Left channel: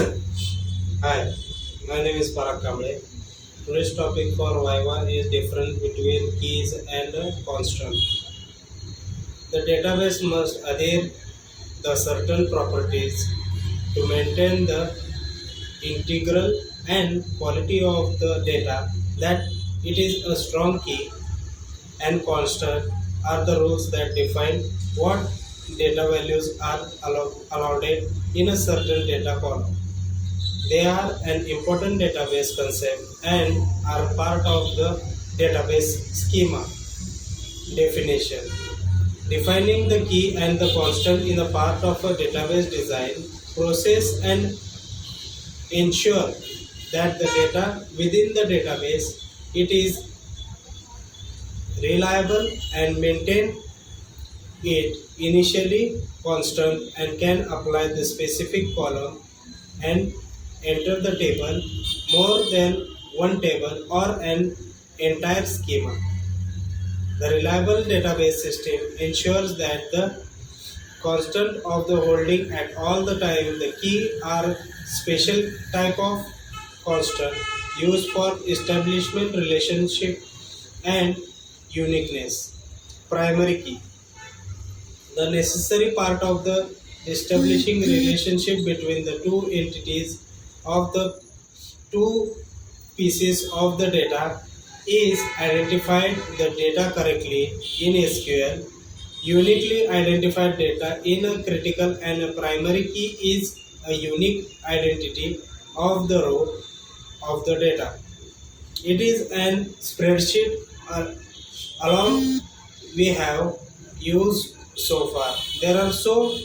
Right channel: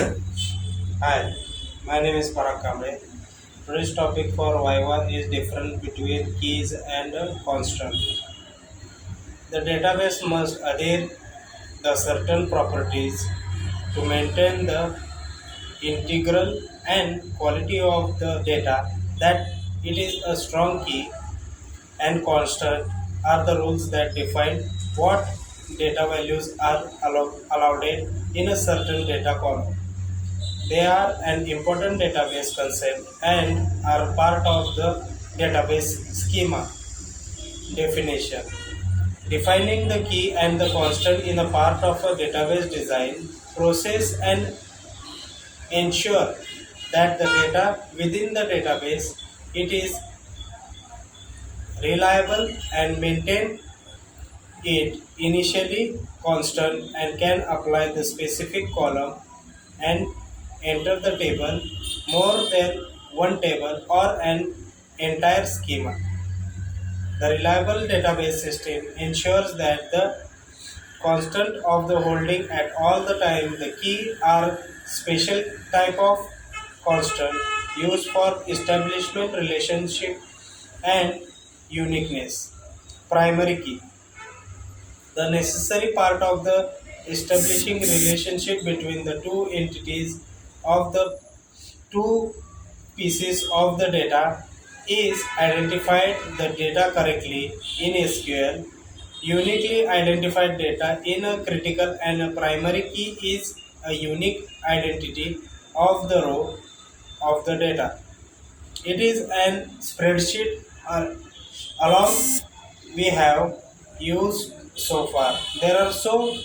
Hi, my name is Parag Kamble. Today's topic for Viva is difference between keys and constant. The database must adhere the certain properties to maintain the integral and quality of the data, that it is a strong key and constant are the rules that define what data values are allowed in a certain data column. They are an important database concept and are part of the database schema definition. Defining the key and the constant in a part of a database design process and ensure that the data within the database it is reliable and maintain it initially constant and can apply the specific column and enter the table more than one table or an entire schema. The reliable database system ensures that the constant of the holding at all the time the key are special type of constant used for establishment relationship and uniqueness. Primary key, the necessary part of the establishing relationship between the two entities of the two pieces of the data is identified the data correctly in SQL. Uniquely identified data in a critical and a primary key is a unique identity of the row of the data. It is an spreadsheet along we have used so far. There are so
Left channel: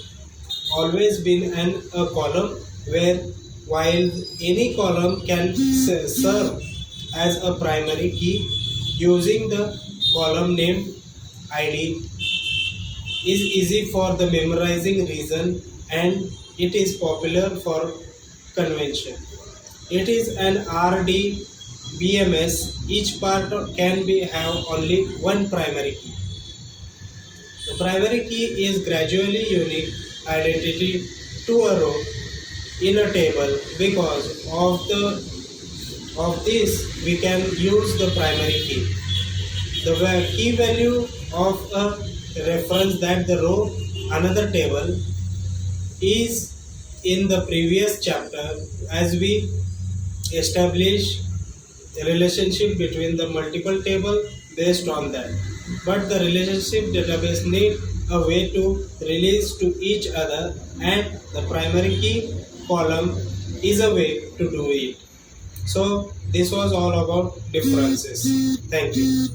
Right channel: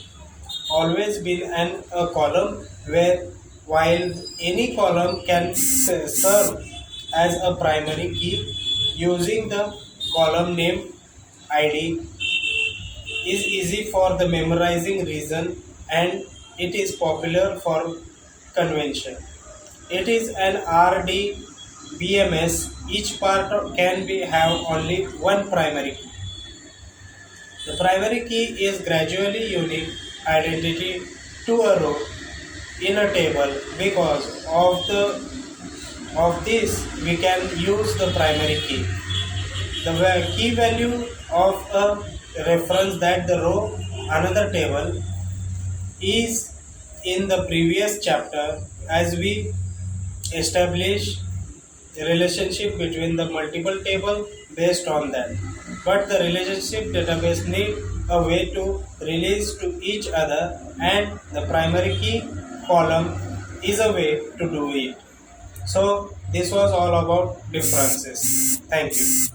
always been a column where while any column can serve as a primary key using the column name id is easy for the memorizing reason and it is popular for convention. It is an RDBMS. Each part can be have only one primary key. The primary key is gradually unique identity to a row in a table. Because of this we can use the primary key. The key value of a reference that the row another table is in the previous chapter as we establish a relationship between the multiple table based on that, but the relationship database need a way to release to each other and the primary key column is a way to do it. So this was all about differences. Thank you.